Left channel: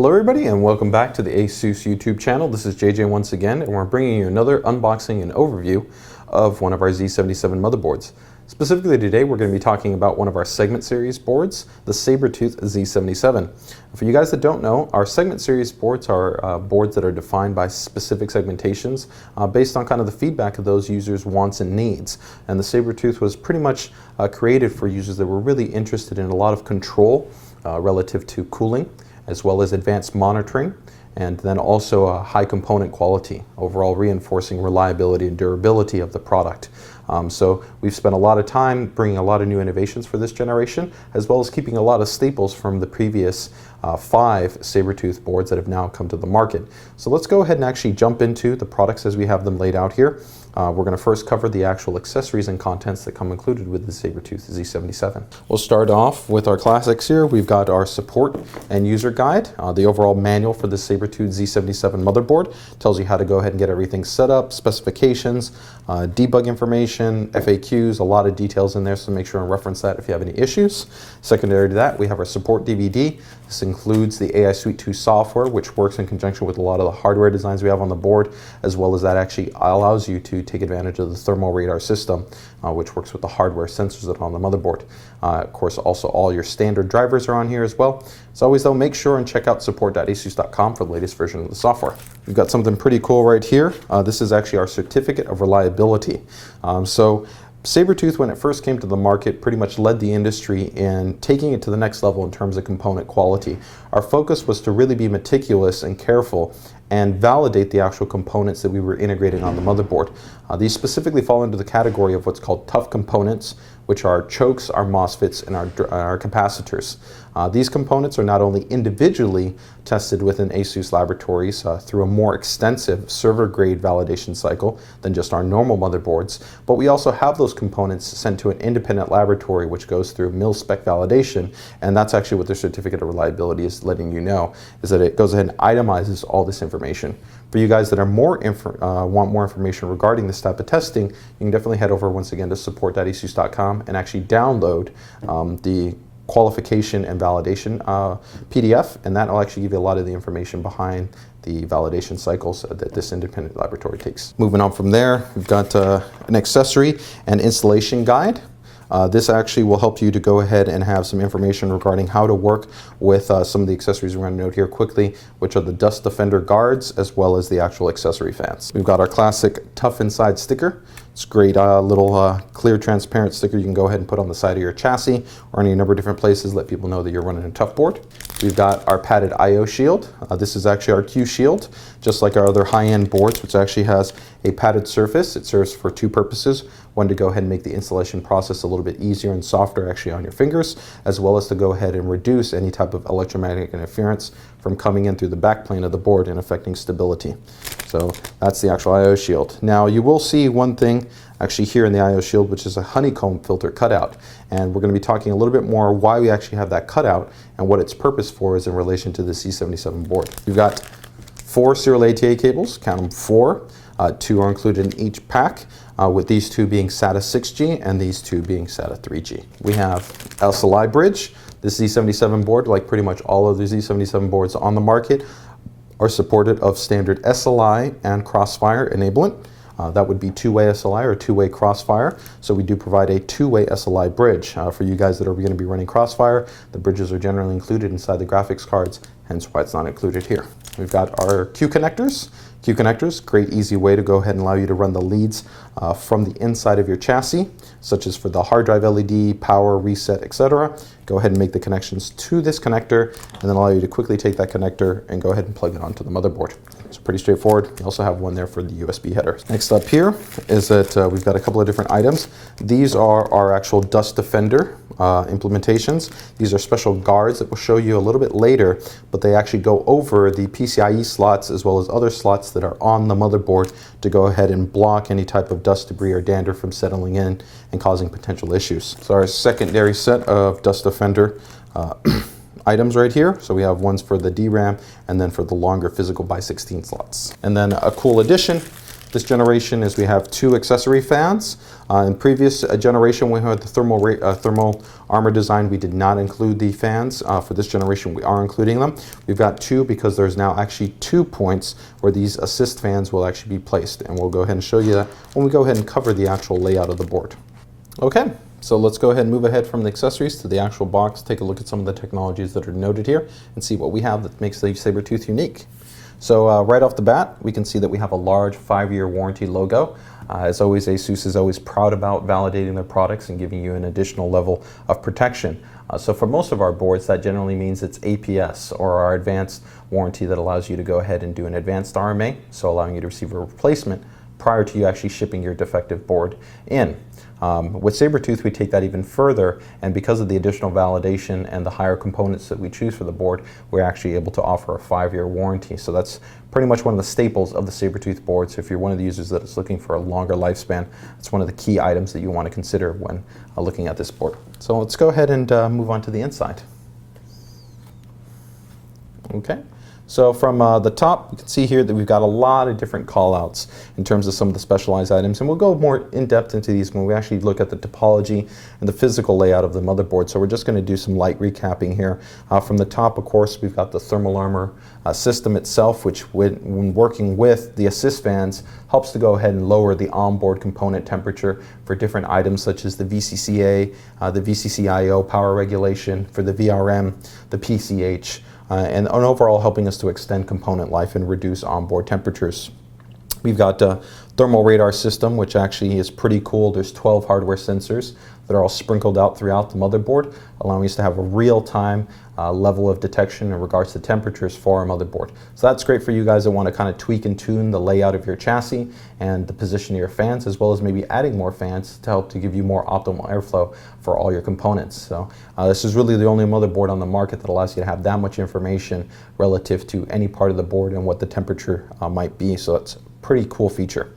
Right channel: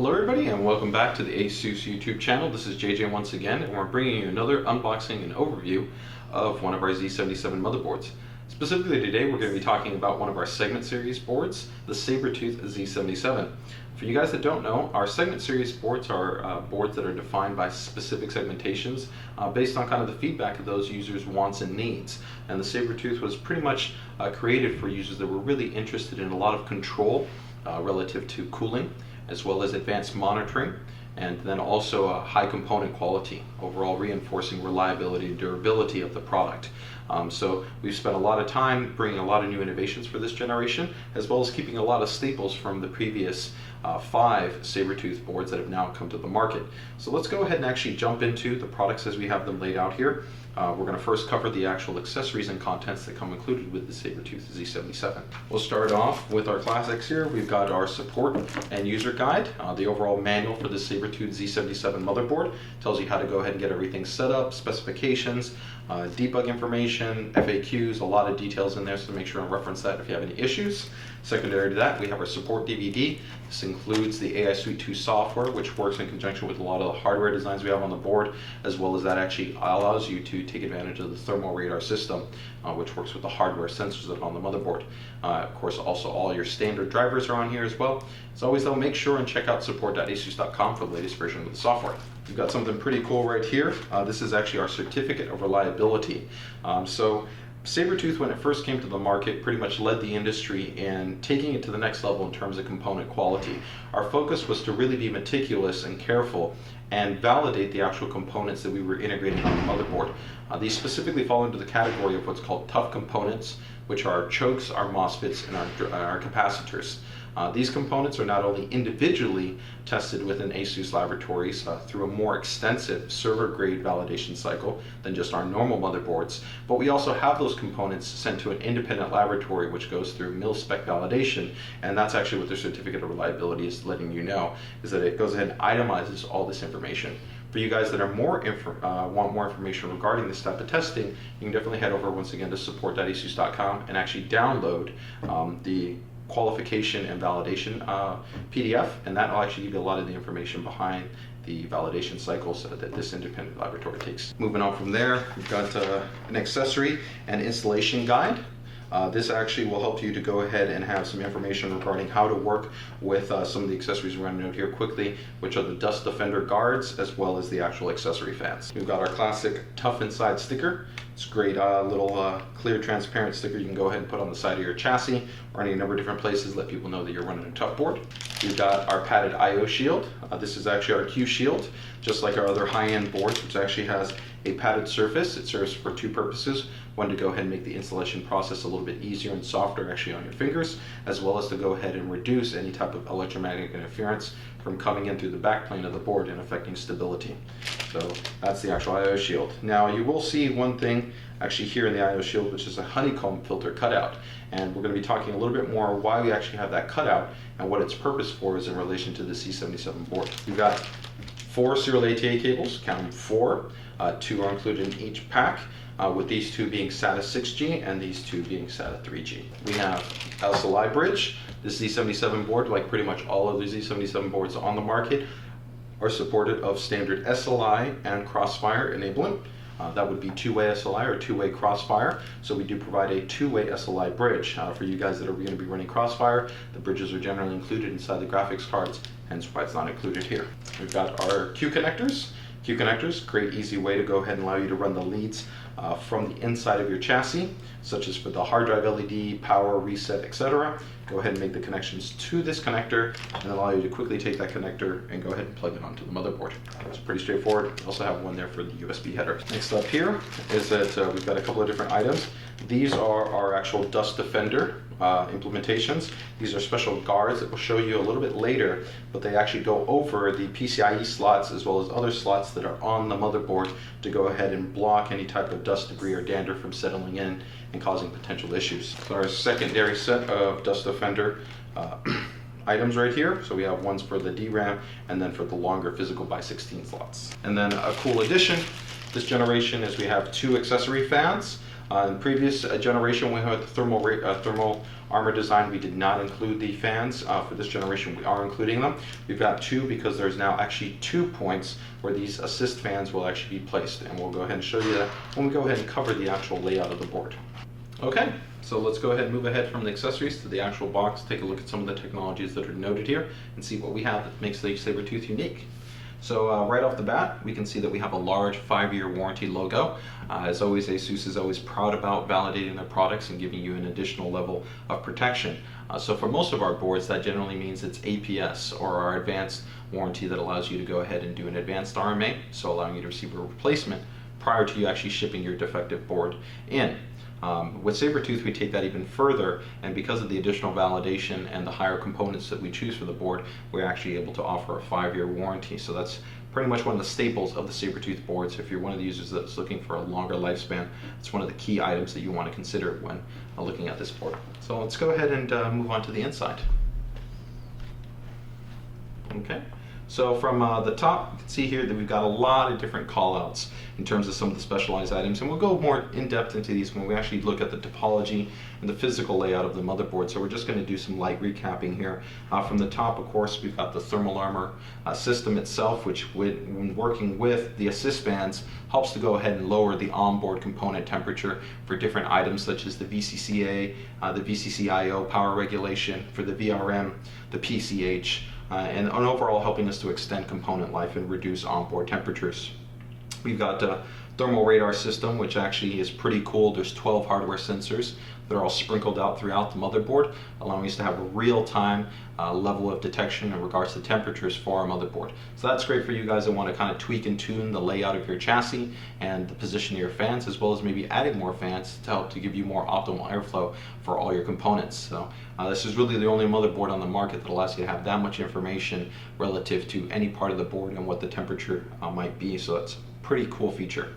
Hello everybody and welcome back to the ASUS YouTube channel. This is JJ once again, and we're bringing you another unboxing and overview of one of our Z77 motherboards. Specifically today we're going to be talking about one of our segment series boards, the Sabertooth Z77. For you guys that don't know, our segment series boards are boards that are defined by specific segmentations based on kind of the feedback of those users' wants and needs. And the Sabertooth was pretty much created for users that were really interested in a lot of control relative to cooling, as well as advanced monitoring, and then also a high component quality, overall reinforcing reliability and durability of the product. So we've spent a lot of time bringing a lot of new innovations for this generation, as well as keeping a lot of staples from the previous 5 Sabertooth boards that have now come to the market. So let's go ahead and actually jump into the products as we have them laid out here. We're going to first cover the actual accessories and contents that come included with the Sabertooth Z77. We'll start off with our classics here. We've got our support and user guide. The overall manual for the Sabertooth Z77 motherboard tells you how to go ahead and get everything set up, specifications, debug information, FAQs, a lot of details in there, so make sure and reference that if you have any issues. Secondary to that, we have our support DVD. This includes the AI Suite 2 software, which works in conjunction with a lot of the hardware designs we have on the board, as well as that actually allows you to take advantage of the thermal radar system, which works with the hardware sensors that are on the motherboard. Of course, also all your standard drivers are on here as well. As always though, make sure and check out support.asus.com for the latest version of the software. We've got something pretty cool right here. This is actually our certificate of reliability. So Sabertooth, when it first came to the market, pretty much led the industry in taking it to the next level in terms of component quality. Our focus was to really be meticulous and careful and validate the actual components that we were integrating on the motherboard. These specifically fall into the category of what's called tough components, which are chokes, our MOSFETs, and our capacitors. These components are not only individually tested within ASUS laboratories through a more extensive server-grade validation cycle than just our normal motherboards, but we also have those components sent to an independent laboratory which goes through mil-spec validation, and that's actually what the certificate of reliability is letting you know, is that it goes ahead and itemizes all this information. For you guys that are want more information regarding this type of testing, you can definitely head over once again to support.asus.com and actually download the qualification and validation PDF, and that will actually give you a lot of the information behind the validation cycles that this independent laboratory takes. Moving on from there, we've got an accessory and installation guide. This actually will help you to go ahead and have some information regarding how to work with some of the accessories we're going to note here quickly, which are the Esd Guards as well as the actual accessory fans. We've got our classic Tough Inside sticker. It's a great little clear transparent sticker you can go ahead and put on the side of your chassis or any number of different places, let people know that you're running a tough board. We've got our padded I/O shield. This is actually our Q shield, just like our other high-end boards, which actually has a padded surface. It serves for 2 purposes. One, to go ahead and make the installation process a little bit easier and softer actually on your fingers, as well as to go ahead and reduce any type of electromagnetic interference from coming in through the backplane of the board and affecting stability. So that's the actual I/O shield. Now you will see one thing actually here in the I/O shield, which is a honeycomb filter cutout. And we're going to be talking a little bit more why we actually have that cutout and what its purpose for is in relation to the Z77 board. We've got 4 serial ATA cables, count them 4. 2 are included in each pack, with these 2 being SATA 6G and these 2 being SATA 3G. We have SLI bridge. This Z77 board, like pretty much all of the Z77 boards on the market, are supported of standard SLI and crossfire enablement. That would be 2-way SLI or 2-way crossfire. So we do provide a 2-way SLI bridge. For you guys that are going to be running crossfire, the bridges are generally included inside the graphics cards, hence why it's not included here. We've got our Q connectors. Q connectors, great easy way to go ahead and allow you to run the leads from the inside of your chassis, such as for the hard drive LED, power, reset, etc. Go ahead and make the connections to this connector and then allow you to quickly take that connector and go ahead and plug it onto the motherboard. It's pretty straightforward. You also have one there for the USB header. Next up here is that we've got a couple of different items. These are our actual Dust Defender implementations. These are special guards that we'll show you a little bit later, but they actually go over the PCIe slots as well as other slots that are on the motherboard to go ahead and block any type of dust, debris, or dander from settling in and causing potential issues. So our secondary set of Dust Defender items right here. So we have ones for the DRAM and then for the longer physical by 16 slots. And then a cool addition this generation is we have 2 accessory fans. In previous generation, we had the thermal armor design. We did not include the fans. For this generation, we are including them. We've got two because there's now actually 2 points where these assist fans will actually be placed. And we'll go ahead and show you that when we go ahead and cover the actual layout of the board. Okay, so let's go ahead and move ahead from the accessories to the actual box, take a look at some of the technologies that are noted here, and see what we have that makes the Sabertooth unique. So right off the bat, we can see that we have a large 5-year warranty logo. As always, ASUS is always proud about validating their products and giving you an additional level of protection. So for most of our boards, that generally means it's APS, or our advanced warranty, that allows you to go ahead and do an advanced RMA, so allowing you to receive a replacement prior to you actually shipping your defective board in. With Sabertooth, we take that even further, and because of the additional validation and the higher components that we choose for the board, we're actually able to offer a 5-year warranty. So that's pretty much one of the staples of the Sabertooth boards. If you're one of the users that's looking for a longer lifespan, it's one of the key items that you want to consider when looking at this board. So let's go ahead and move on to the inside. Okay. So from the top, you can see here that we've got a lot of different callouts in terms of some of the specialized items, and we'll go more in depth into these when we actually look at the topology and the physical layout of the motherboard. So we're just going to do some light recapping here. From the top, of course, we've got the thermal armor system itself, which when working with the assist fans, helps to go ahead and lower the onboard component temperature for different items such as the VCCA, the VCCIO power regulation, for the VRM, the PCH, and overall helping us to extend component life and reduce onboard temperatures. We've got a thermal radar system, which actually is pretty cool. There's 12 hardware sensors that are all sprinkled out throughout the motherboard, allowing us to have a real-time level of detection in regards to temperatures for our motherboard. So that's great for you guys that want to kind of tweak and tune the layout of your chassis and the position of your fans, as well as maybe adding more fans to help to give you more optimal airflow for all your components. So this is really the only motherboard on the market that allows you to have that much information relative to any part of the board and what the temperature might be. So that's a pretty cool feature.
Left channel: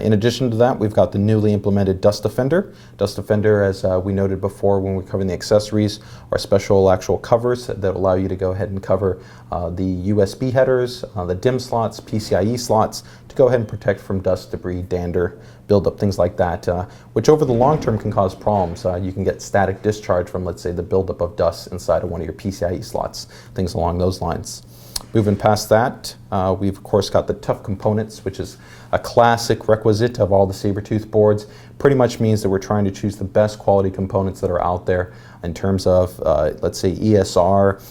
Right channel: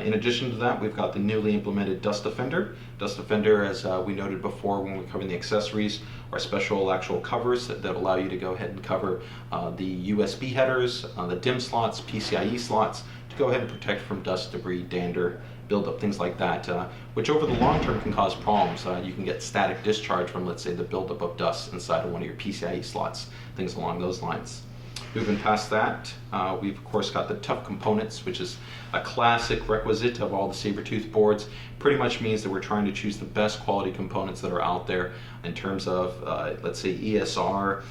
In addition to that, we've got the newly implemented Dust Defender. Dust Defender, as we noted before when we covered the accessories, are special actual covers that allow you to go ahead and cover the USB headers, the Dimm slots, PCIe slots, to go ahead and protect from dust, debris, dander, buildup, things like that, which over the long term can cause problems. You can get static discharge from, let's say, the buildup of dust inside of one of your PCIe slots, things along those lines. Moving past that, we've of course got the tough components, which is a classic requisite of all the Sabertooth boards. Pretty much means that we're trying to choose the best quality components that are out there in terms of, let's say, ESR,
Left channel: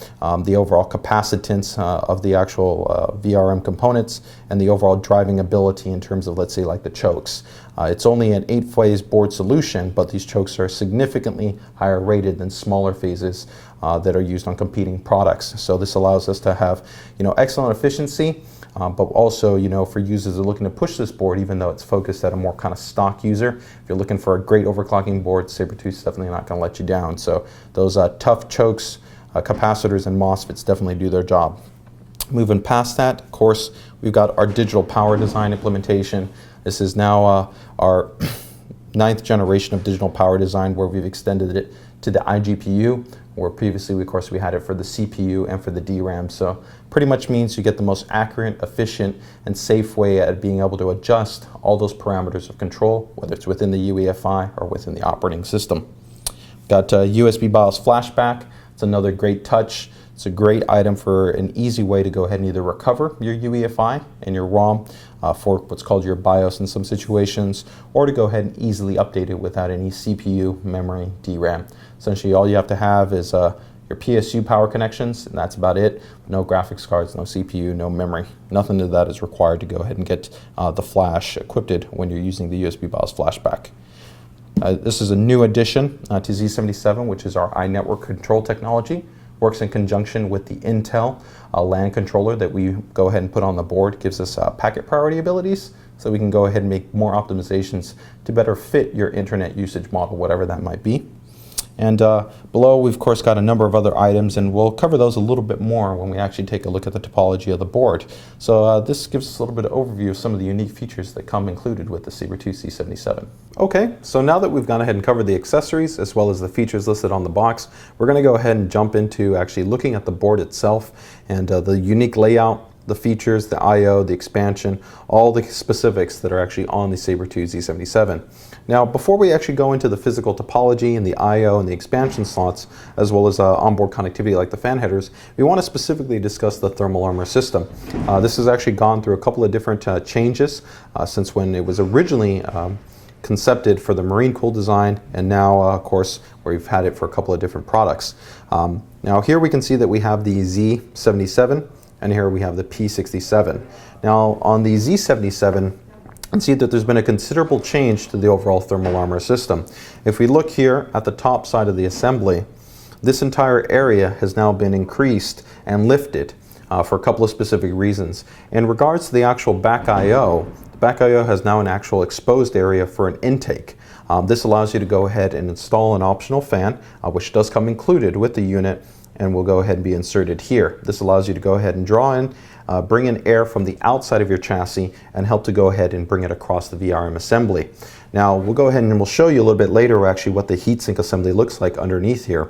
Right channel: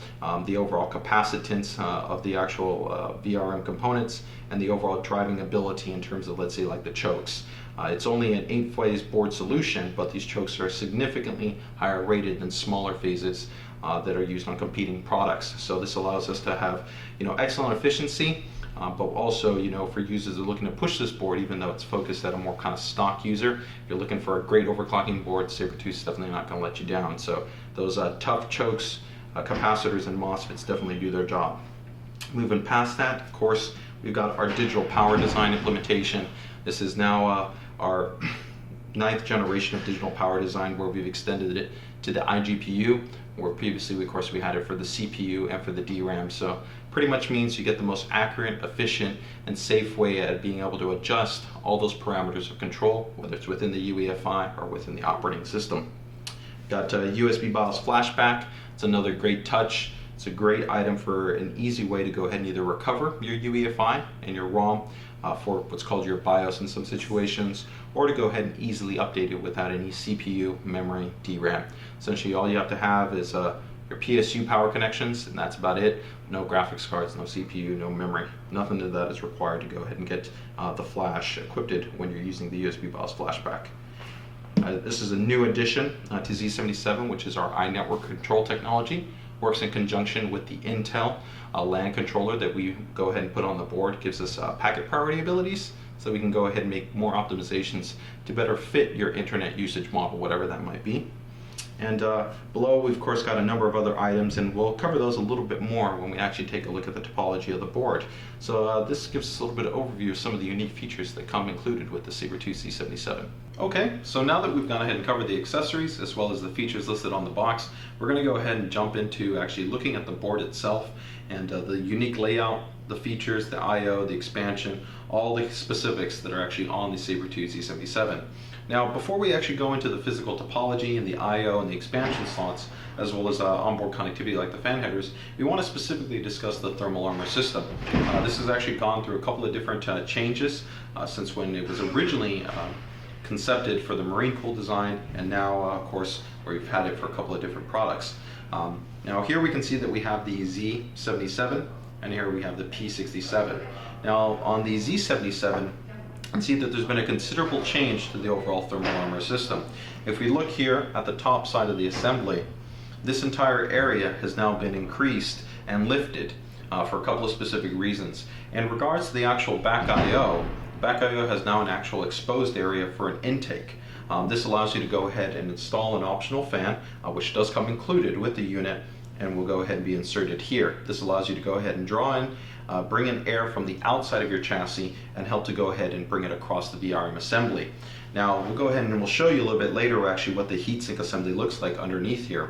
the overall capacitance of the actual VRM components, and the overall driving ability in terms of, let's say, like the chokes. It's only an 8-phase board solution, but these chokes are significantly higher rated than smaller phases that are used on competing products. So this allows us to have, excellent efficiency, but also, for users that are looking to push this board, even though it's focused at a more kind of stock user. If you're looking for a great overclocking board, Sabertooth is definitely not going to let you down. So those tough chokes, capacitors, and MOSFETs definitely do their job. Moving past that, of course, we've got our digital power design implementation. This is now our 9th generation of digital power design, where we've extended it to the iGPU, where previously, of course, we had it for the CPU and for the DRAM. So pretty much means you get the most accurate, efficient, and safe way at being able to adjust all those parameters of control, whether it's within the UEFI or within the operating system. Got USB Bios Flashback. It's another great touch. It's a great item for an easy way to go ahead and either recover your UEFI and your ROM for what's called your BIOS in some situations, or to go ahead and easily update it without any CPU, memory, DRAM. Essentially, all you have to have is your PSU power connections, and that's about it. No graphics cards, no CPU, no memory. Nothing of that is required to go ahead and get the flash equipped when you're using the USB BIOS Flashback. This is a new addition to Z77, which is our iNetwork control technology. Works in conjunction with the Intel LAN controller that we go ahead and put on the board. Gives us packet priority abilities, so we can go ahead and make more optimizations to better fit your internet usage model, whatever that might be. And below, we've of course got a number of other items, and we'll cover those a little bit more when we actually take a look at the topology of the board. So this gives us a little bit of overview of some of the unique features that come included with the Sabertooth Z77. Okay, so now that we've gone ahead and covered the accessories as well as the features listed on the box, we're going to go ahead and jump into actually looking at the board itself and the unique layout, the features, the I/O, the expansion, all the specifics that are actually on the Sabertooth Z77. Now, before we actually go into the physical topology and the I/O and the expansion slots, as well as onboard connectivity like the fan headers, we want to specifically discuss the thermal armor system. This has actually gone through a couple of different changes since when it was originally concepted for the marine cool design, and now, of course, we've had it for a couple of different products. Now, here we can see that we have the Z77, and here we have the P67. Now, on the Z77, you can see that there's been a considerable change to the overall thermal armor system. If we look here at the top side of the assembly, this entire area has now been increased and lifted for a couple of specific reasons. In regards to the actual back I/O, back I/O has now an actual exposed area for an intake. This allows you to go ahead and install an optional fan, which does come included with the unit, and will go ahead and be inserted here. This allows you to go ahead and draw in, bring in air from the outside of your chassis and help to go ahead and bring it across the VRM assembly. Now, we'll go ahead and we'll show you a little bit later actually what the heatsink assembly looks like underneath here.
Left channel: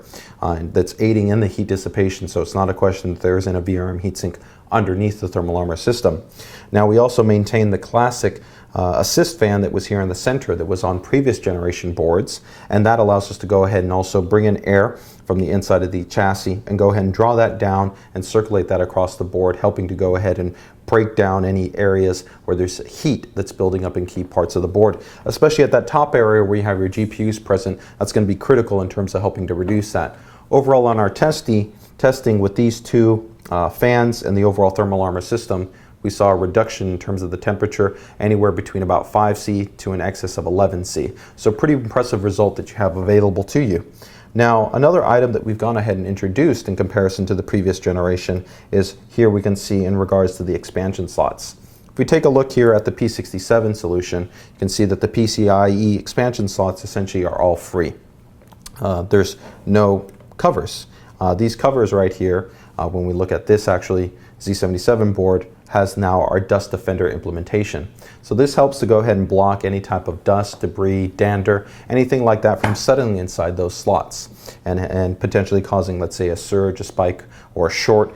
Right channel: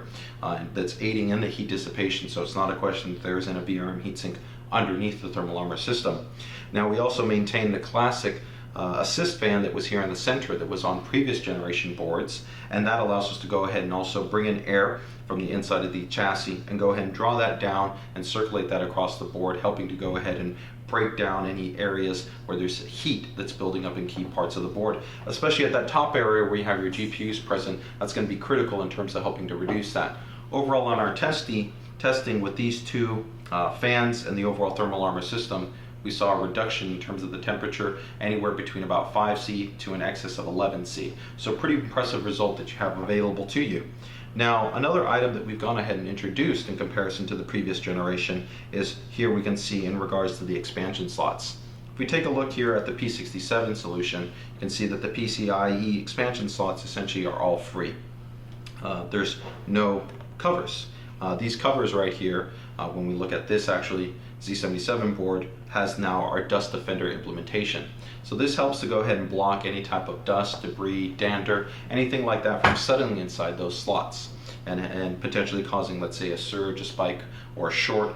That's aiding in the heat dissipation, so it's not a question that there isn't a VRM heatsink underneath the thermal armor system. Now, we also maintain the classic assist fan that was here in the center that was on previous generation boards, and that allows us to go ahead and also bring in air from the inside of the chassis and go ahead and draw that down and circulate that across the board, helping to go ahead and break down any areas where there's heat that's building up in key parts of the board, especially at that top area where you have your GPUs present. That's going to be critical in terms of helping to reduce that. Overall, on our testing with these two fans and the overall thermal armor system, we saw a reduction in terms of the temperature anywhere between about 5C to an excess of 11C. So pretty impressive result that you have available to you. Now, another item that we've gone ahead and introduced in comparison to the previous generation is here we can see in regards to the expansion slots. If we take a look here at the P67 solution, you can see that the PCIe expansion slots essentially are all free. There's no covers. These covers right here, when we look at this actually Z77 board, has now our Dust Defender implementation. So this helps to go ahead and block any type of dust, debris, dander, anything like that from settling inside those slots and potentially causing, let's say, a surge, a spike, or a short,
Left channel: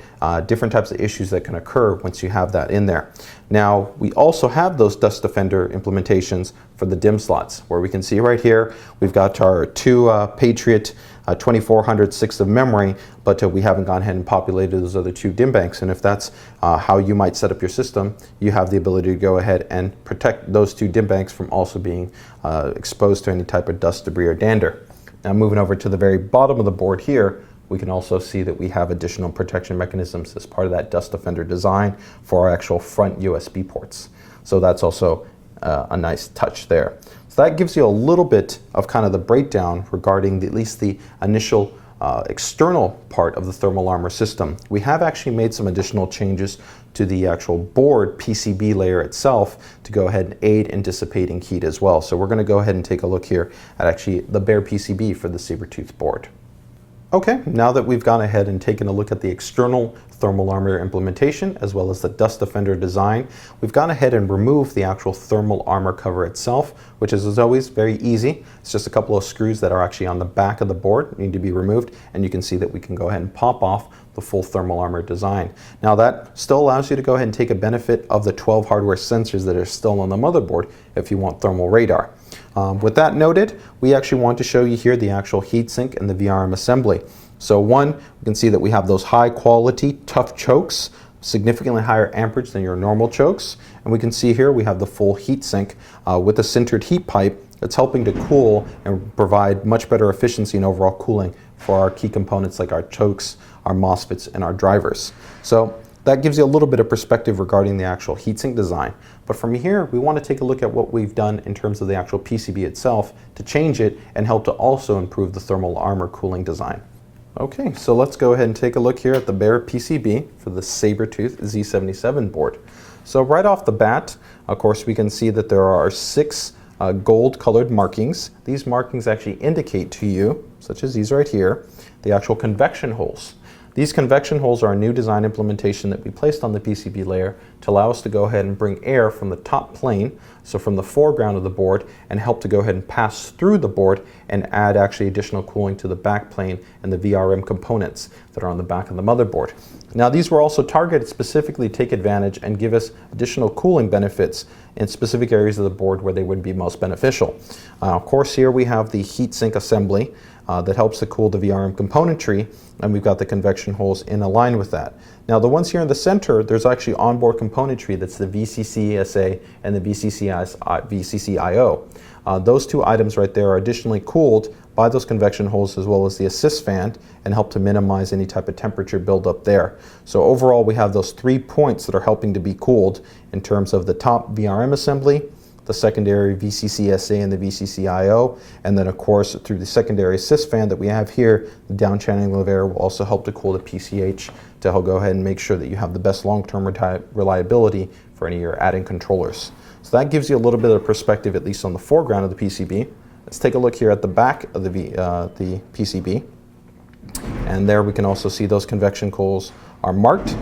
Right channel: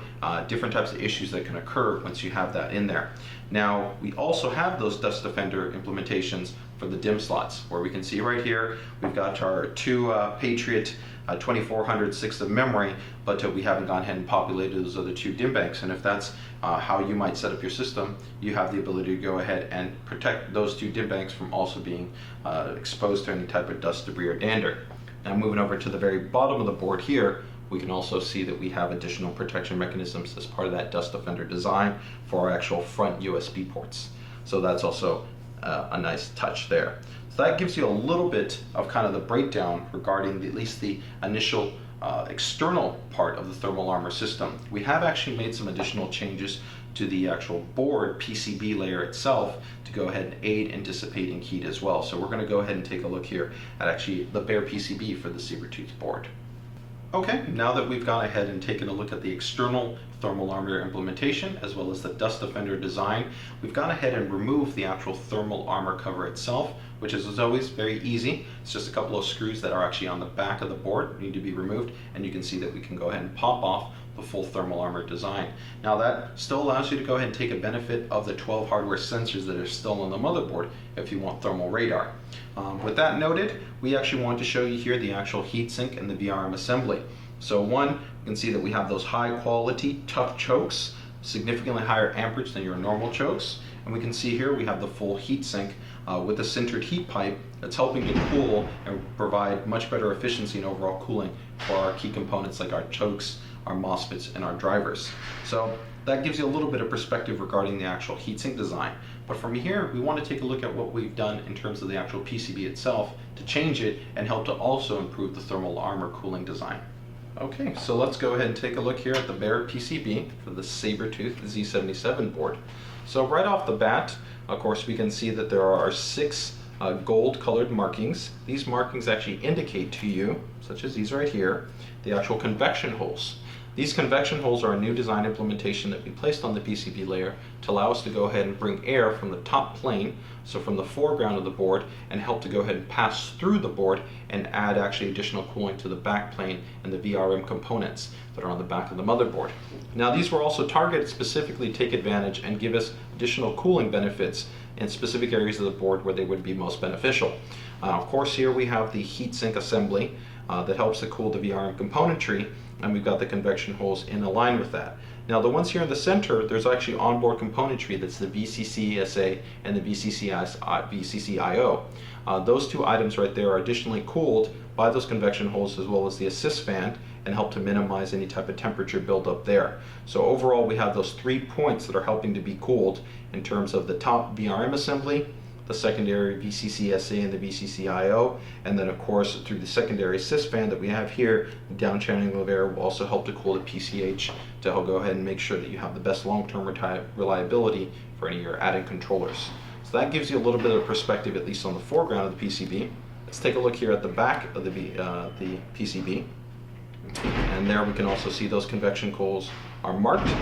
different types of issues that can occur once you have that in there. Now, we also have those Dust Defender implementations for the Dimm slots, where we can see right here, we've got our two Patriot 2406 of memory, but we haven't gone ahead and populated those other two DIMM banks. And if that's how you might set up your system, you have the ability to go ahead and protect those two DIMM banks from also being exposed to any type of dust, debris, or dander. Now, moving over to the very bottom of the board here, we can also see that we have additional protection mechanisms as part of that Dust Defender design for our actual front USB ports. So that's also a nice touch there. So that gives you a little bit of kind of the breakdown regarding at least the initial external part of the thermal armor system. We have actually made some additional changes to the actual board PCB layer itself to go ahead and aid in dissipating heat as well. So we're going to go ahead and take a look here at actually the bare PCB for the Sabertooth board. Okay, now that we've gone ahead and taken a look at the external thermal armor implementation as well as the Dust Defender design, we've gone ahead and removed the actual thermal armor cover itself, which is as always very easy. It's just a couple of screws that are actually on the back of the board need to be removed, and you can see that we can go ahead and pop off the full thermal armor design. Now, that still allows you to go ahead and take a benefit of the 12 hardware sensors that are still on the motherboard if you want thermal radar. With that noted, we actually want to show you here the actual heatsink and the VRM assembly. So one, you can see that we have those high quality TUF chokes, significantly higher amperage than your normal chokes. And we can see here we have the full heatsink with a sintered heat pipe that's helping to cool and provide much better efficiency and overall cooling for our key components like our chokes, our MOSFETs, and our drivers. So that gives you a little bit of perspective regarding the actual heatsink design. But from here, we want to take a look at what we've done in terms of the actual PCB itself to change it and help to also improve the thermal armor cooling design. Okay, so let's go ahead and take a look here at the bare PCB for the Sabertooth Z77 board. So right off the bat, of course, we can see that there are 6 gold colored markings. These markings actually indicate to you, such as these right here, the actual convection holes. These convection holes are a new design implementation that we placed on the PCB layer to allow us to go ahead and bring air from the top plane, so from the foreground of the board, and help to go ahead and pass through the board and add actually additional cooling to the back plane and the VRM components that are on the back of the motherboard. Now these were also targeted specifically to take advantage and give us additional cooling benefits in specific areas of the board where they would be most beneficial. Of course, here we have the heatsink assembly that helps to cool the VRM componentry, and we've got the convection holes in line with that. Now the ones here in the center, there's actually onboard componentry, that's the VCC-SA and the VCC-IO. Those two items right there are additionally cooled by those convection holes as well as the assist fan, and help to minimize any type of temperature buildup there. So overall we have those 3 points that are helping to be cooled in terms of the top VRM assembly, the secondary VCC-SA and the VCC-IO, and then of course through the secondary assist fan that we have here, the down channeling of air will also help to cool the PCH to help go ahead and make sure that you have the best long-term reliability for any of your add-in controllers. So that gives you a little bit of perspective, at least on the foreground of the PCB. Let's take a look here at the back of the PCB. And there we can also see those convection holes are marked.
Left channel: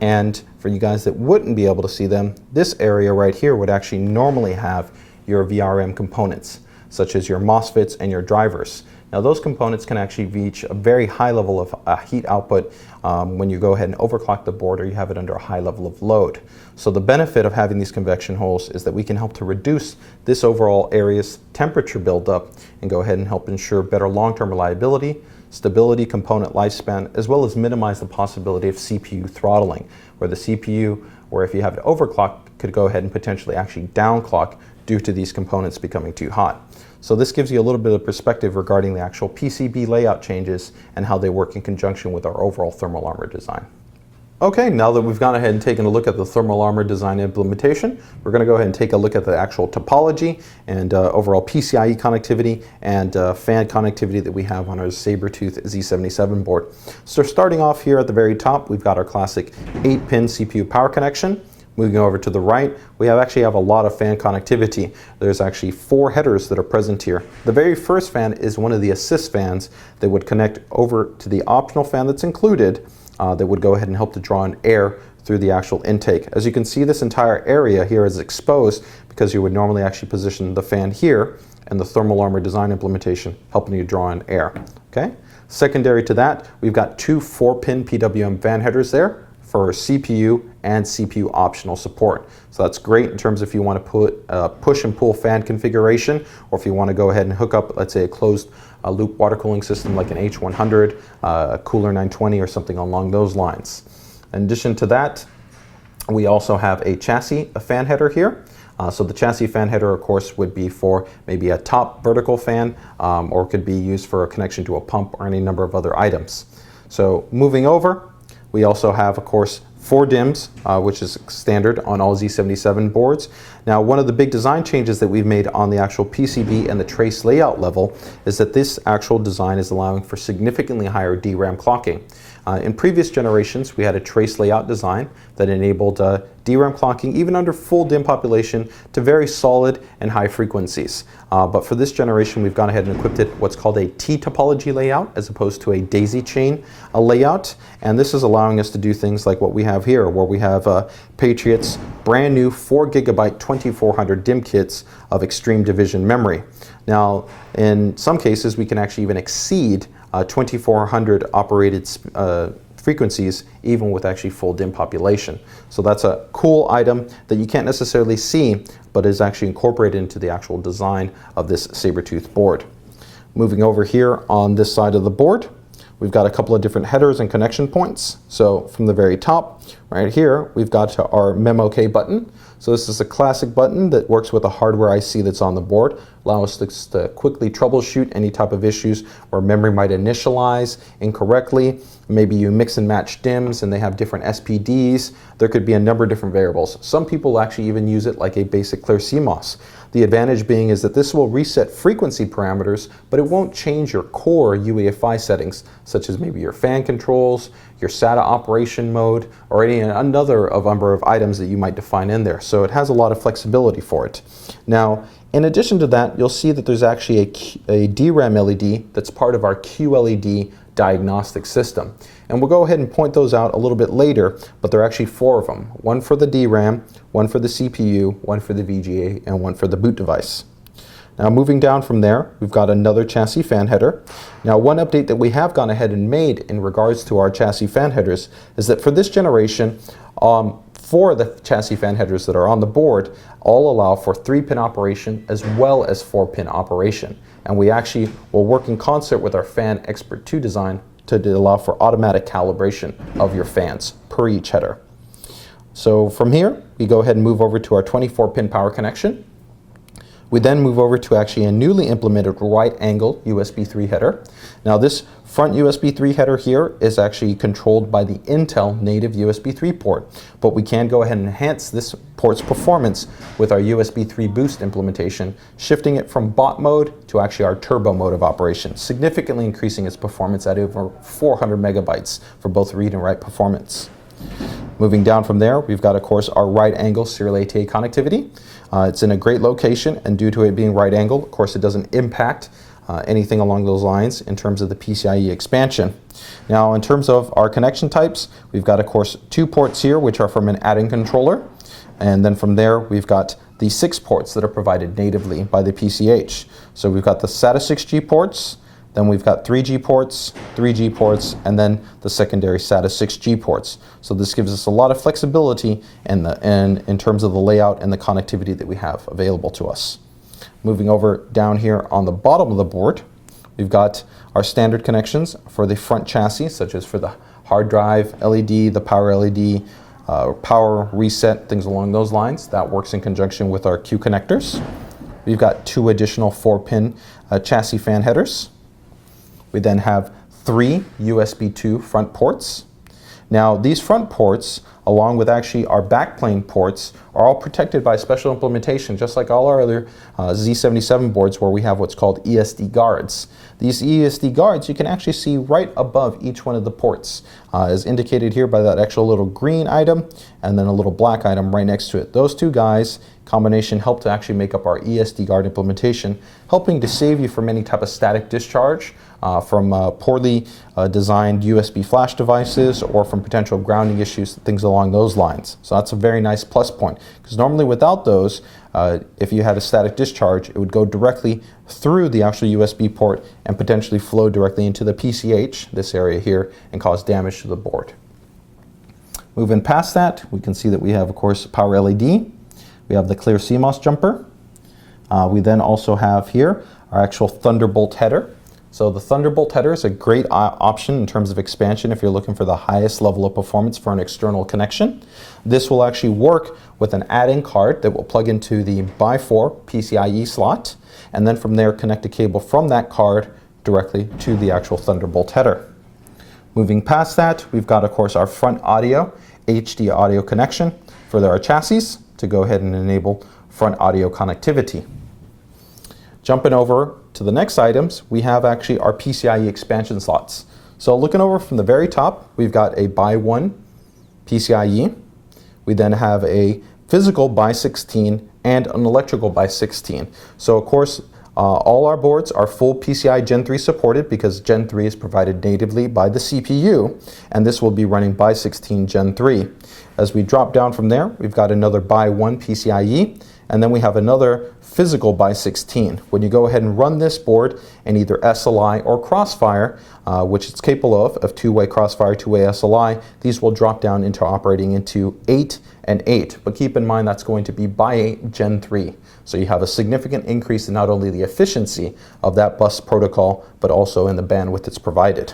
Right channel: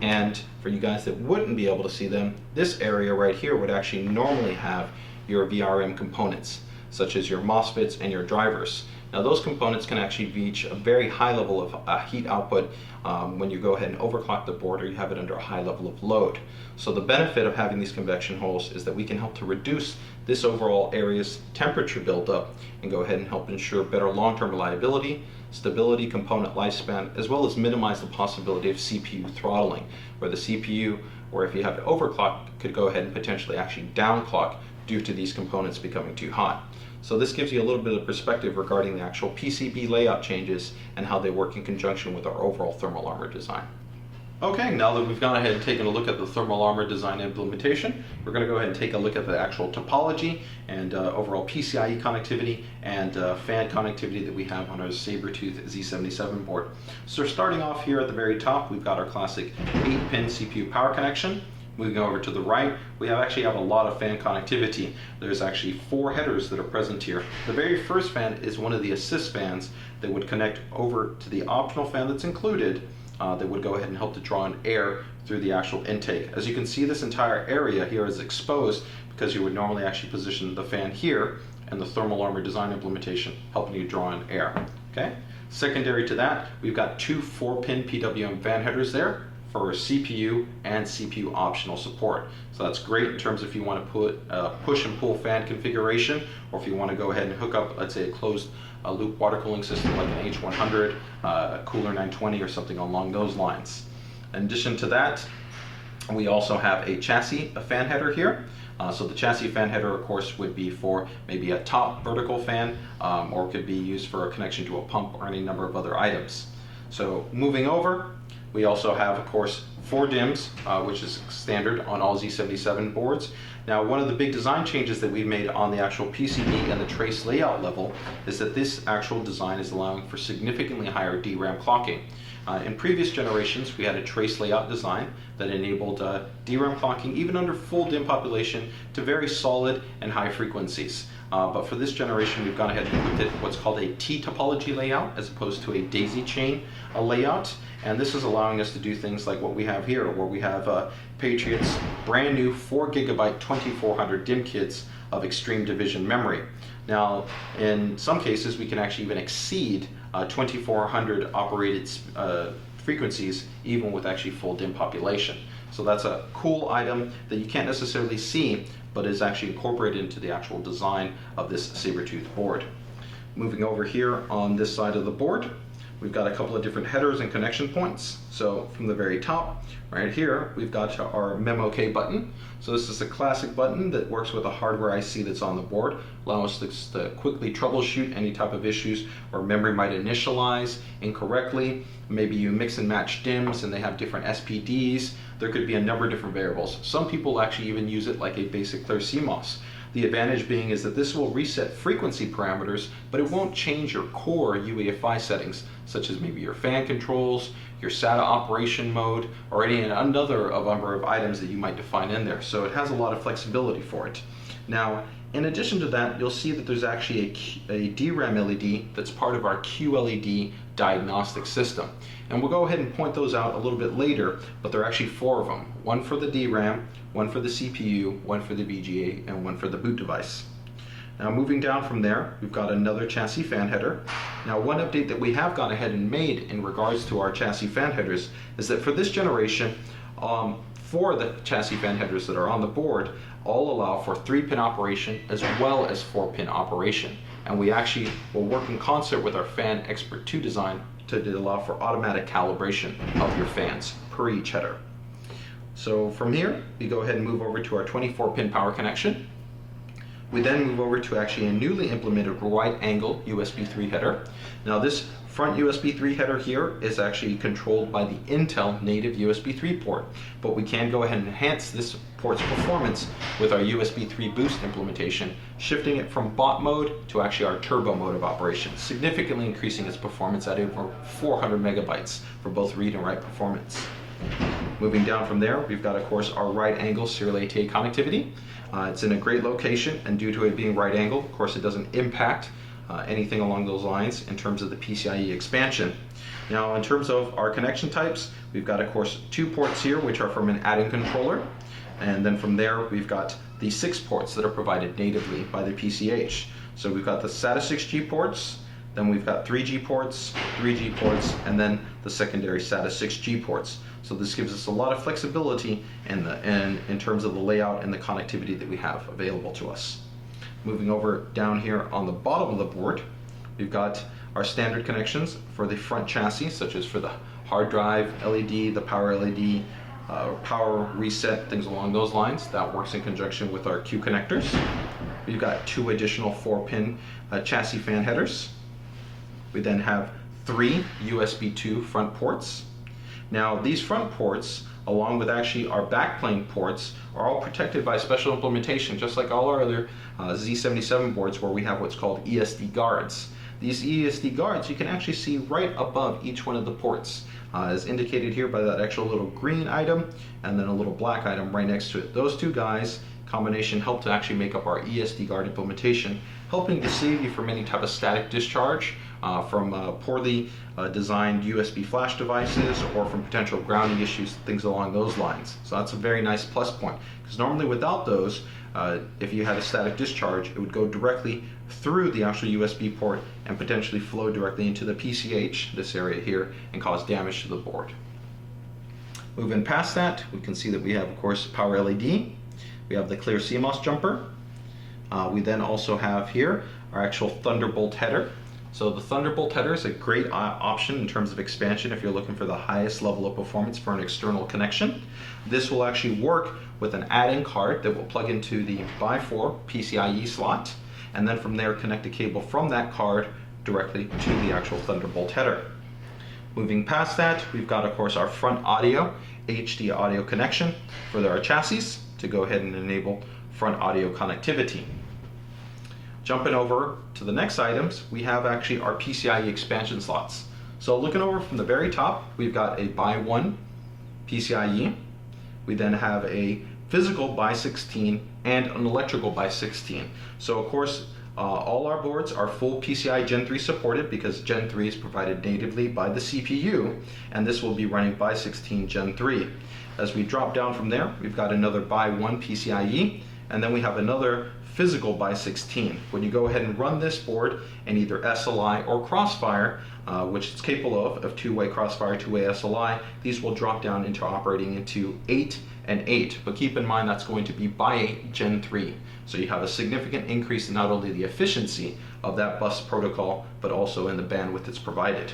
And for you guys that wouldn't be able to see them, this area right here would actually normally have your VRM components, such as your MOSFETs and your drivers. Now those components can actually reach a very high level of heat output when you go ahead and overclock the board or you have it under a high level of load. So the benefit of having these convection holes is that we can help to reduce this overall area's temperature buildup and go ahead and help ensure better long-term reliability, stability, component lifespan, as well as minimize the possibility of CPU throttling, where the CPU, or if you have it overclocked, could go ahead and potentially actually downclock due to these components becoming too hot. So this gives you a little bit of perspective regarding the actual PCB layout changes and how they work in conjunction with our overall thermal armor design. Okay, now that we've gone ahead and taken a look at the thermal armor design implementation, we're going to go ahead and take a look at the actual topology and overall PCIe connectivity and fan connectivity that we have on our Sabertooth Z77 board. So starting off here at the very top, we've got our classic 8-pin CPU power connection. Moving over to the right, we actually have a lot of fan connectivity. There's actually 4 headers that are present here. The very first fan is one of the assist fans that would connect over to the optional fan that's included that would go ahead and help to draw in air through the actual intake. As you can see, this entire area here is exposed because you would normally actually position the fan here and the thermal armor design implementation helping you draw in air. Okay. Secondary to that, we've got 2 4-pin PWM fan headers there for CPU and CPU optional support. So that's great in terms of if you want to put push and pull fan configuration, or if you want to go ahead and hook up, let's say, a closed loop water cooling system like an H100, a Cooler 920, or something along those lines. In addition to that, we also have a chassis fan header here. So the chassis fan header, of course, would be for maybe a top vertical fan, or could be used for a connection to a pump or any number of other items. So moving over, we also have, of course, 4 DIMMs, which is standard on all Z77 boards. Now, one of the big design changes that we've made on the actual PCB and the trace layout level is that this actual design is allowing for significantly higher DRAM clocking. In previous generations, we had a trace layout design that enabled DRAM clocking even under full DIMM population to very solid and high frequencies. But for this generation, we've gone ahead and equipped it what's called a T-topology layout as opposed to a daisy chain layout. And this is allowing us to do things like what we have here, where we have Patriot's brand new 4 GB 2400 DIMM kits of extreme division memory. Now, in some cases, we can actually even exceed 2400 operated frequencies, even with actually full DIMM population. So that's a cool item that you can't necessarily see, but is actually incorporated into the actual design of this Sabertooth board. Moving over here on this side of the board, we've got a couple of different headers and connection points. So from the very top, right here, we've got our MemOK button. So this is a classic button that works with the hardware IC that's on the board, allows us to quickly troubleshoot any type of issues where memory might initialize incorrectly. Maybe you mix and match DIMMs and they have different SPDs. There could be a number of different variables. Some people actually even use it like a basic clear CMOS. The advantage being is that this will reset frequency parameters, but it won't change your core UEFI settings, such as maybe your fan controls, your SATA operation mode, or another number of items that you might define in there. So it has a lot of flexibility for it. Now, In addition to that, you'll see that there's actually a DRAM LED that's part of our QLED diagnostic system. And we'll go ahead and point those out a little bit later, but there are actually 4 of them. One for the DRAM, one for the CPU, one for the VGA, and one for the boot device. Now moving down from there, we've got another chassis fan header. Now one update that we have gone ahead and made in regards to our chassis fan headers is that for this generation, 4 of the chassis fan headers that are on the board all allow for 3-pin operation as well as 4-pin operation. And we actually will work in concert with our Fan Expert 2 design to allow for automatic calibration of your fans per each header. So from here, we go ahead and move over to our 24-pin power connection. We then move over to actually a newly implemented right angle USB 3 header. Now this front USB 3 header here is actually controlled by the Intel native USB 3 port, but we can go ahead and enhance this port's performance with our USB 3 boost implementation, shifting it from bot mode to actually our turbo mode of operation, significantly increasing its performance at over 400 megabytes for both read and write performance. Moving down from there, we've got, of course, our right angle serial ATA connectivity. It's in a great location, and due to it being right angle, of course, it doesn't impact anything along those lines in terms of the PCIe expansion. Now, in terms of our connection types, we've got, of course, 2 ports here, which are from an add-in controller. And then from there, we've got the 6 ports that are provided natively by the PCH. So we've got the SATA 6G ports, then we've got 3G ports, 3G ports, and then the secondary SATA 6G ports. So this gives us a lot of flexibility in terms of the layout and the connectivity that we have available to us. Moving over down here on the bottom of the board, we've got our standard connections for the front chassis, such as for the hard drive LED, the power LED, power reset, things along those lines. That works in conjunction with our Q connectors. We've got 2 additional 4-pin chassis fan headers. We then have 3 USB 2 front ports. Now these front ports, along with actually our backplane ports, are all protected by special implementation, just like all our other Z77 boards where we have what's called Esd Guards. These Esd Guards you can actually see right above each one of the ports, as indicated here by that actual little green item and then a little black item right next to it. Those 2 guys combination help to actually make up our Esd Guard implementation, helping to save you from any type of static discharge from poorly designed USB flash devices or from potential grounding issues, things along those lines. So that's a very nice plus point, because normally without those, if you had a static discharge, it would go directly through the actual USB port and potentially flow directly into the PCH, this area here, and cause damage to the board. Moving past that, we can see that we have, of course, power LED. We have the clear CMOS jumper. We then also have here our actual Thunderbolt header. So the Thunderbolt header is a great option in terms of expansion if you're looking for the highest level of performance for an external connection. This will actually work with an add-in card that will plug into the x4 PCIe slot, and then from there connect a cable from that card directly to the actual Thunderbolt header. Moving past that, we've got, of course, our front audio, HD audio connection for our chassis to go ahead and enable front audio connectivity. Jumping over to the next items, we have actually our PCIe expansion slots. So looking over from the very top, we've got a x1 PCIe. We then have a physical x16 and an electrical x16. So of course, all our boards are full PCI Gen 3 supported because Gen 3 is provided natively by the CPU, and this will be running x16 Gen 3. As we drop down from there, we've got another x1 PCIe, and then we have another physical x16. When you go ahead and run this board in either SLI or Crossfire, which it's capable of 2-way Crossfire, 2-way SLI, these will drop down into operating into 8 and 8. But keep in mind that's going to be x8 Gen 3. So you have a significant increase in not only the efficiency of that bus protocol, but also in the bandwidth that's provided.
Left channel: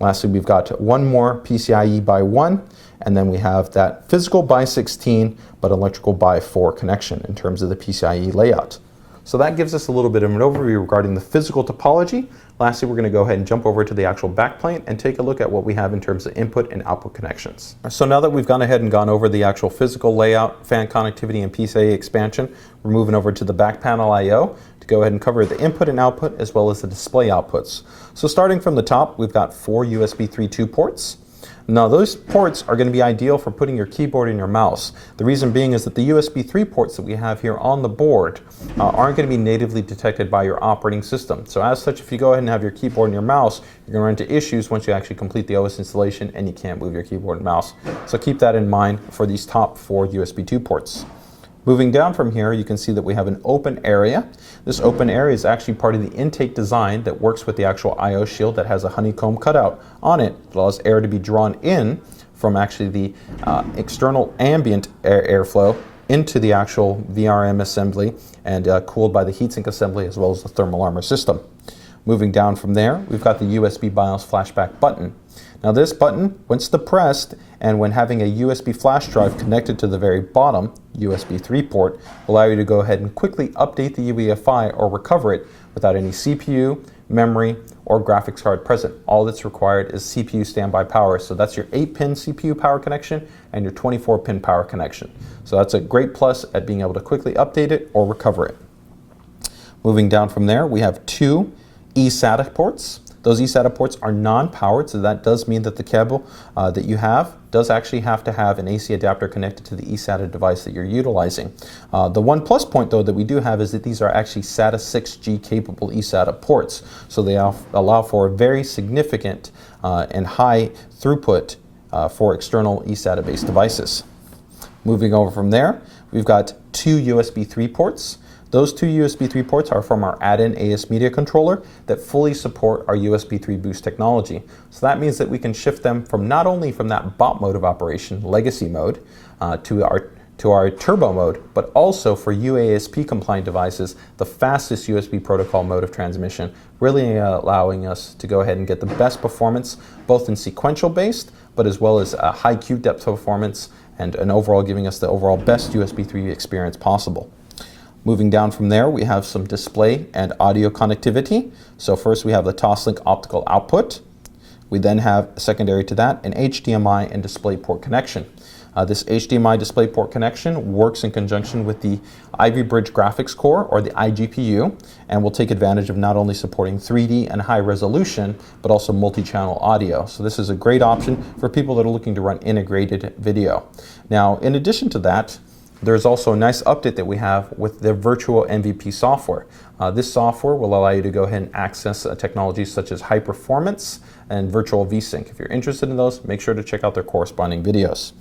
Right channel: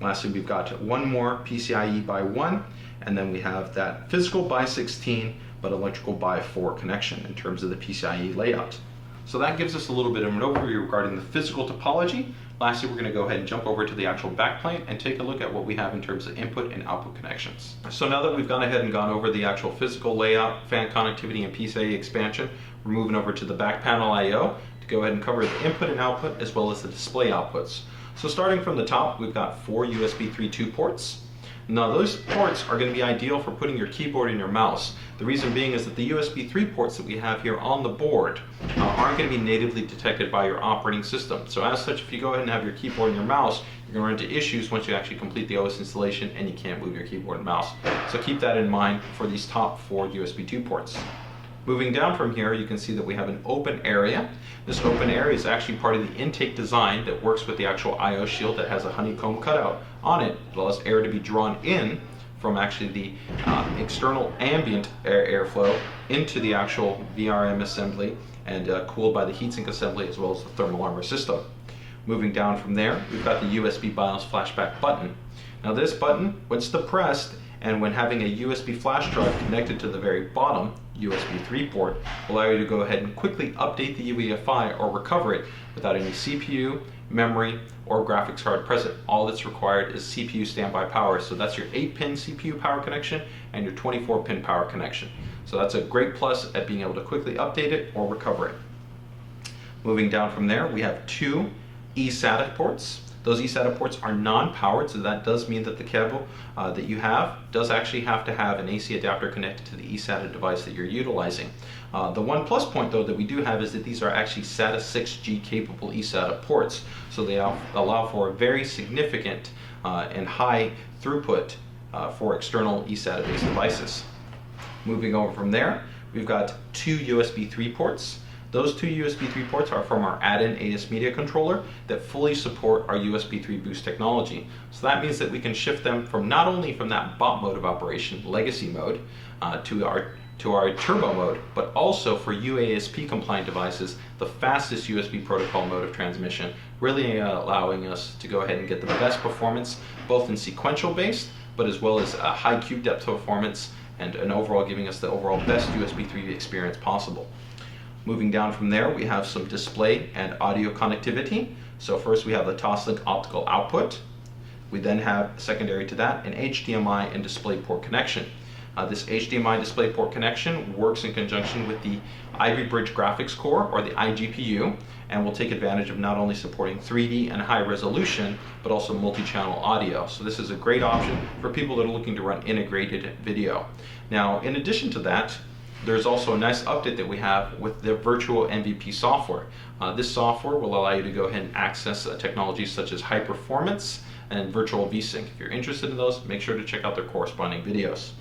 Lastly, we've got one more PCIe x1, and then we have that physical x16, but electrical x4 connection in terms of the PCIe layout. So that gives us a little bit of an overview regarding the physical topology. Lastly, we're going to go ahead and jump over to the actual backplane and take a look at what we have in terms of input and output connections. So now that we've gone ahead and gone over the actual physical layout, fan connectivity, and PCIe expansion, we're moving over to the back panel I/O to go ahead and cover the input and output as well as the display outputs. So starting from the top, we've got 4 USB 3.2 ports. Now those ports are going to be ideal for putting your keyboard and your mouse. The reason being is that the USB 3 ports that we have here on the board aren't going to be natively detected by your operating system. So as such, if you go ahead and have your keyboard and your mouse, you're going to run into issues once you actually complete the OS installation and you can't move your keyboard and mouse. So keep that in mind for these top 4 USB 2 ports. Moving down from here, you can see that we have an open area. This open area is actually part of the intake design that works with the actual I/O shield that has a honeycomb cutout on it. It allows air to be drawn in from actually the external ambient airflow into the actual VRM assembly and cooled by the heatsink assembly as well as the thermal armor system. Moving down from there, we've got the USB Bios Flashback button. Now this button, once depressed, and when having a USB flash drive connected to the very bottom USB 3 port, will allow you to go ahead and quickly update the UEFI or recover it without any CPU, memory, or graphics card present. All that's required is CPU standby power. So that's your 8-pin CPU power connection and your 24-pin power connection. So that's a great plus at being able to quickly update it or recover it. Moving down from there, we have 2 Esata ports. Those Esata ports are non-powered, so that does mean that the cable that you have does actually have to have an AC adapter connected to the Esata device that you're utilizing. The one plus point though that we do have is that these are actually SATA 6G capable Esata ports, so they allow for a very significant and high throughput for external Esata based devices. Moving over from there, we've got 2 USB 3 ports. Those 2 USB 3 ports are from our add-in AS Media controller that fully support our USB 3 boost technology. So that means that we can shift them from not only from that bot mode of operation, legacy mode, to our turbo mode, but also for UASP compliant devices, the fastest USB protocol mode of transmission, really allowing us to go ahead and get the best performance, both in sequential based, but as well as a high cube depth performance, and overall giving us the overall best USB 3 experience possible. Moving down from there, we have some display and audio connectivity. So first we have the Toslink optical output. We then have, secondary to that, an HDMI and DisplayPort connection. This HDMI DisplayPort connection works in conjunction with the Ivy Bridge graphics core, or the iGPU, and will take advantage of not only supporting 3D and high resolution, but also multi-channel audio. So this is a great option for people that are looking to run integrated video. Now, in addition to that, there's also a nice update that we have with the virtual MVP software. This software will allow you to go ahead and access technologies such as high performance and virtual VSync. If you're interested in those, make sure to check out their corresponding videos.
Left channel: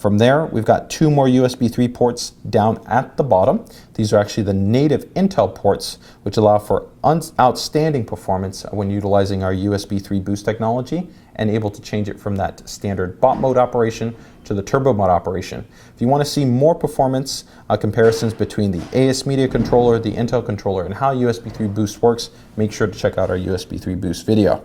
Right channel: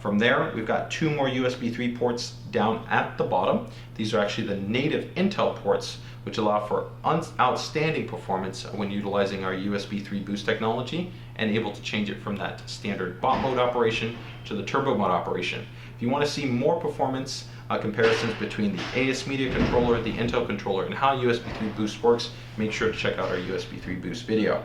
From there, we've got 2 more USB 3 ports down at the bottom. These are actually the native Intel ports, which allow for outstanding performance when utilizing our USB 3 boost technology and able to change it from that standard bot mode operation to the turbo mode operation. If you want to see more performance comparisons between the AS Media controller, the Intel controller, and how USB 3 boost works, make sure to check out our USB 3 boost video.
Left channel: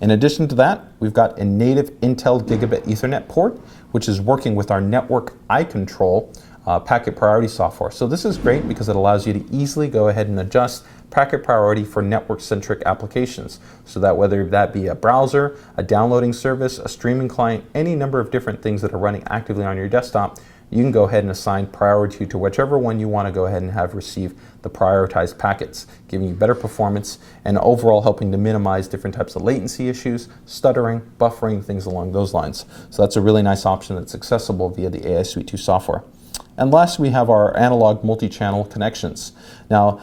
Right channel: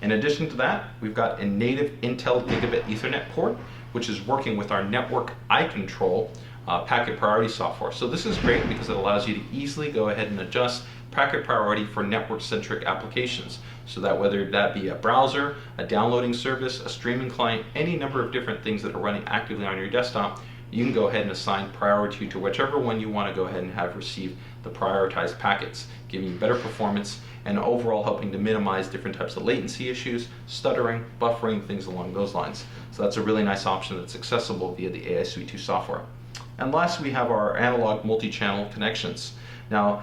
In addition to that, we've got a native Intel Gigabit Ethernet port, which is working with our network iControl packet priority software. So this is great because it allows you to easily go ahead and adjust packet priority for network-centric applications. So that whether that be a browser, a downloading service, a streaming client, any number of different things that are running actively on your desktop, you can go ahead and assign priority to whichever one you want to go ahead and have receive the prioritized packets, giving you better performance and overall helping to minimize different types of latency issues, stuttering, buffering, things along those lines. So that's a really nice option that's accessible via the AI Suite 2 software. And last, we have our analog multi-channel connections. Now,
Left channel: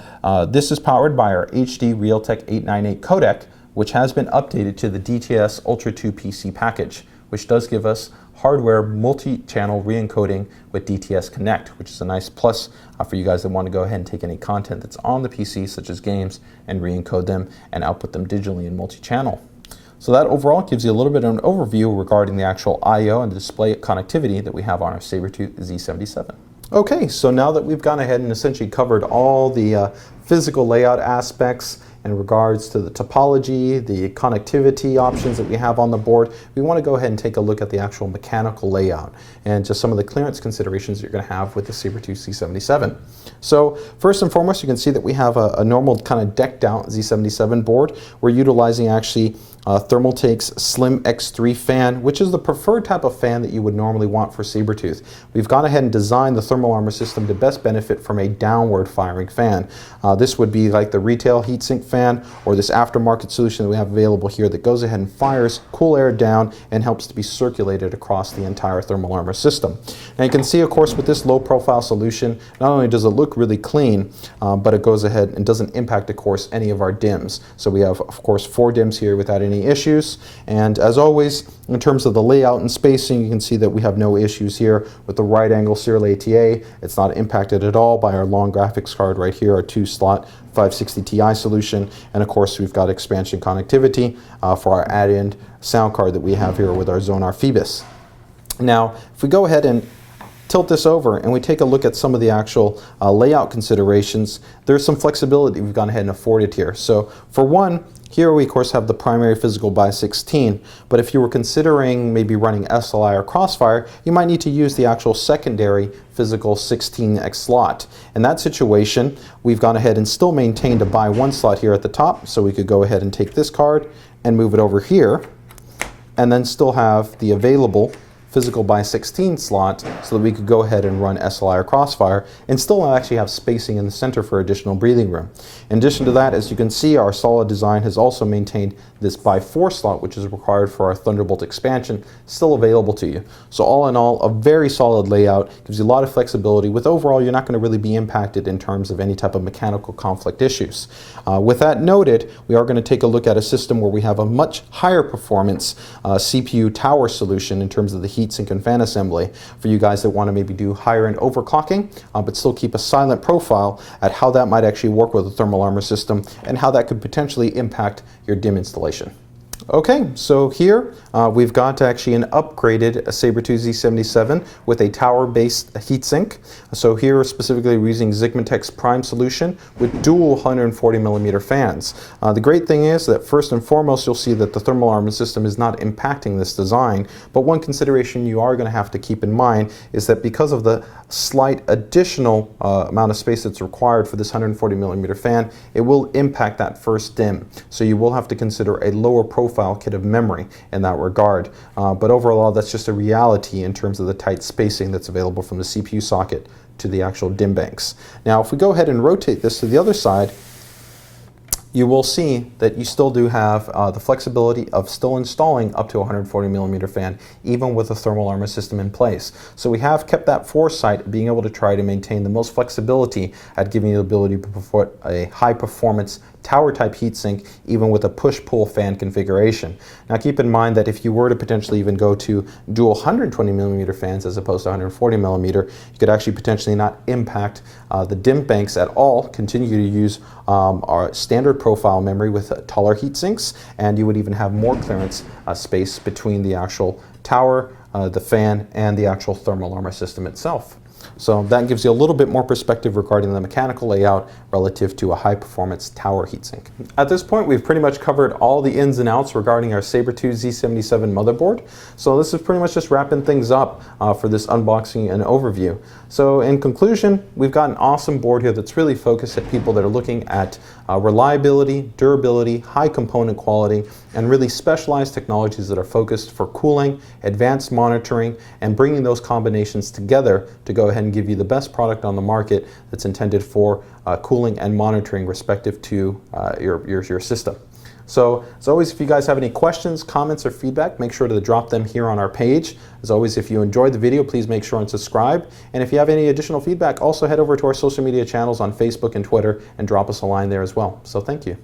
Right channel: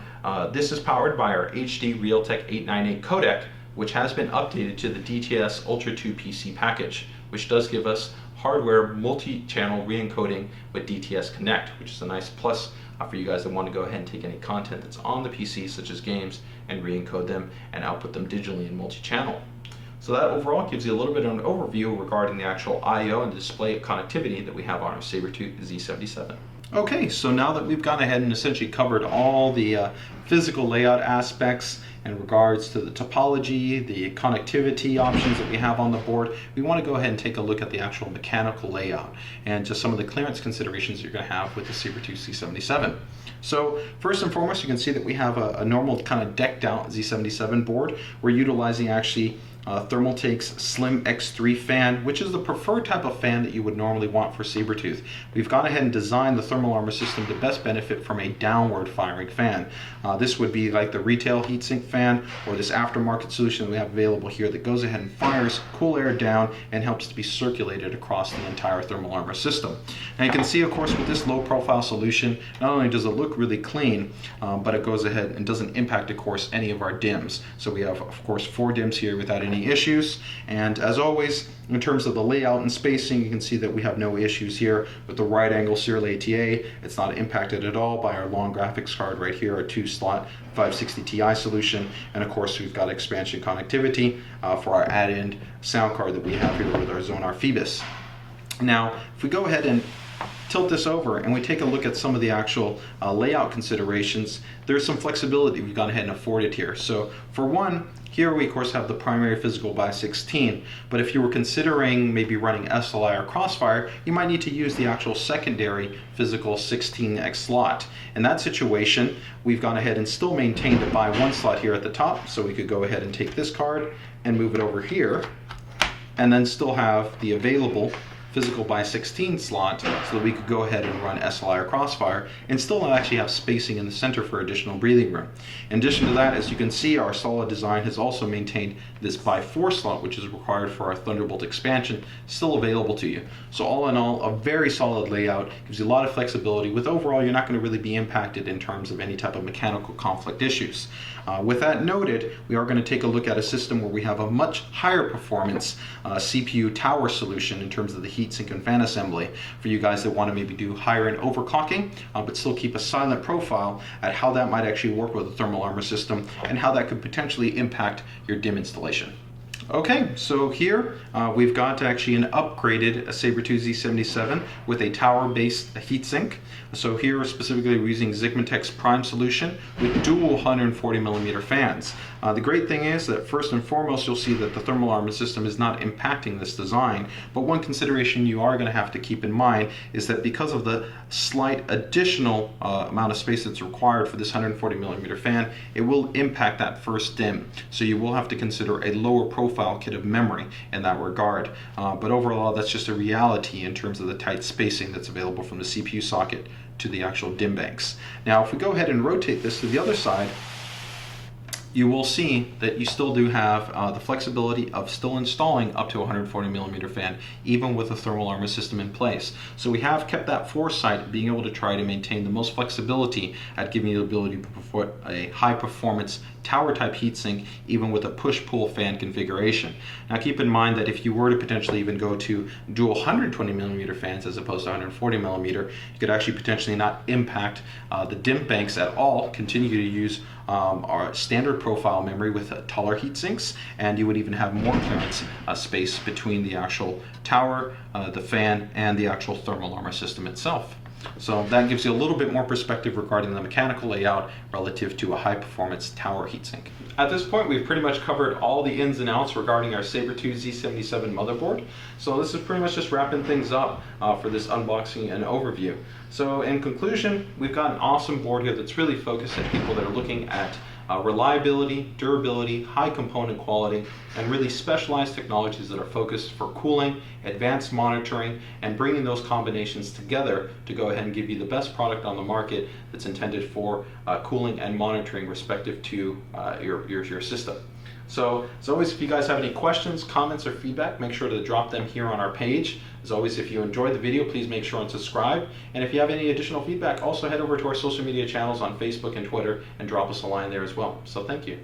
this is powered by our HD Realtek 898 codec, which has been updated to the DTS Ultra 2 PC package, which does give us hardware multi-channel re-encoding with DTS Connect, which is a nice plus for you guys that want to go ahead and take any content that's on the PC, such as games, and re-encode them and output them digitally in multi-channel. So that overall gives you a little bit of an overview regarding the actual I/O and display connectivity that we have on our Sabertooth Z77. Okay, so now that we've gone ahead and essentially covered all the physical layout aspects in regards to the topology, the connectivity options that we have on the board, we want to go ahead and take a look at the actual mechanical layout and just some of the clearance considerations that you're going to have with the Sabertooth Z77. So first and foremost, you can see that we have a normal kind of decked out Z77 board. We're utilizing actually Thermaltake's Slim X3 fan, which is the preferred type of fan that you would normally want for Sabertooth. We've gone ahead and designed the thermal armor system to best benefit from a downward firing fan. This would be like the retail heatsink fan or this aftermarket solution that we have available here that goes ahead and fires cool air down and helps to be circulated across the entire thermal armor system. And you can see, of course, with this low profile solution, not only does it look really clean, but it goes ahead and doesn't impact, of course, any of our DIMMs. So we have, of course, 4 DIMMs here without any issues. And as always, in terms of the layout and spacing, you can see that we have no issues here with the right angle serial ATA. It's not impacted at all by our long graphics card right here, our 2-slot 560 Ti solution. And of course, we've got expansion connectivity for our add-in sound card that we have here with our Zonar Phoebus. Now, if we go ahead and tilt this over and we take a look at some of the actual layout considerations, there's some flexibility we've gone ahead and afforded here. So for one, here we of course have the primary physical by 16, but if you were considering maybe running SLI or Crossfire, you might need to use the actual secondary physical 16x slot. In that situation, we've gone ahead and still maintained a by 1 slot here at the top, so we could go ahead and take this card and move it over here, and then still have the available physical by 16 slot so that we could go ahead and run SLI or Crossfire and still actually have spacing in the center for additional breathing room. In addition to that, as you can see, our solid design has also maintained this by 4 slot, which is required for our Thunderbolt expansion, still available to you. So all in all, a very solid layout, gives you a lot of flexibility. With overall, you're not going to really be impacted in terms of any type of mechanical conflict issues. With that noted, we are going to take a look at a system where we have a much higher performance CPU tower solution in terms of the heatsink and fan assembly for you guys that want to maybe do higher end overclocking, but still keep a silent profile at how that might actually work with a thermal armor system and how that could potentially impact your DIMM installation. Okay, so here we've got actually an upgraded Sabertooth Z77 with a tower-based heatsink. So here specifically we're using Zigmatech's Prime solution with dual 140mm fans. The great thing is that first and foremost you'll see that the thermal armor system is not impacting this design, but one consideration you are going to have to keep in mind is that because of the slight additional amount of space that's required for this 140mm fan, it will impact that first DIMM. So you will have to consider a lower profile kit of memory in that regard. But overall, that's just a reality in terms of the tight spacing that's available from the CPU socket to the actual DIMM banks. Now, if we go ahead and rotate this to the other side, you will see that you still do have the flexibility of still installing up to a 140mm fan, even with a thermal armor system in place. So we have kept that foresight, being able to try to maintain the most flexibility at giving you the ability to put a high performance tower type heatsink even with a push-pull fan configuration. Now keep in mind that if you were to potentially even go to dual 120mm fans as opposed to 140mm, you could actually potentially not impact the DIMM banks at all, continue to use our standard profile memory with taller heat sinks, and you would even have more clearance space between the actual tower, the fan, and the actual thermal armor system itself. So that gives you a little bit more perspective regarding the mechanical layout relative to a high-performance tower heatsink. At this point, we've pretty much covered all the ins and outs regarding our Sabertooth Z77 motherboard. So this is pretty much just wrapping things up for this unboxing and overview. So in conclusion, we've got an awesome board here that's really focused at people that are looking at reliability, durability, high component quality, and really specialized technologies that are focused for cooling, advanced monitoring, and bringing those combinations together to go ahead and give you the best product on the market that's intended for cooling and monitoring respective to your system. So, as always, if you guys have any questions, comments, or feedback, make sure to drop them here on our page. As always, if you enjoyed the video, please make sure and subscribe. And if you have any additional feedback, also head over to our social media channels on Facebook and Twitter and drop us a line there as well. So thank you.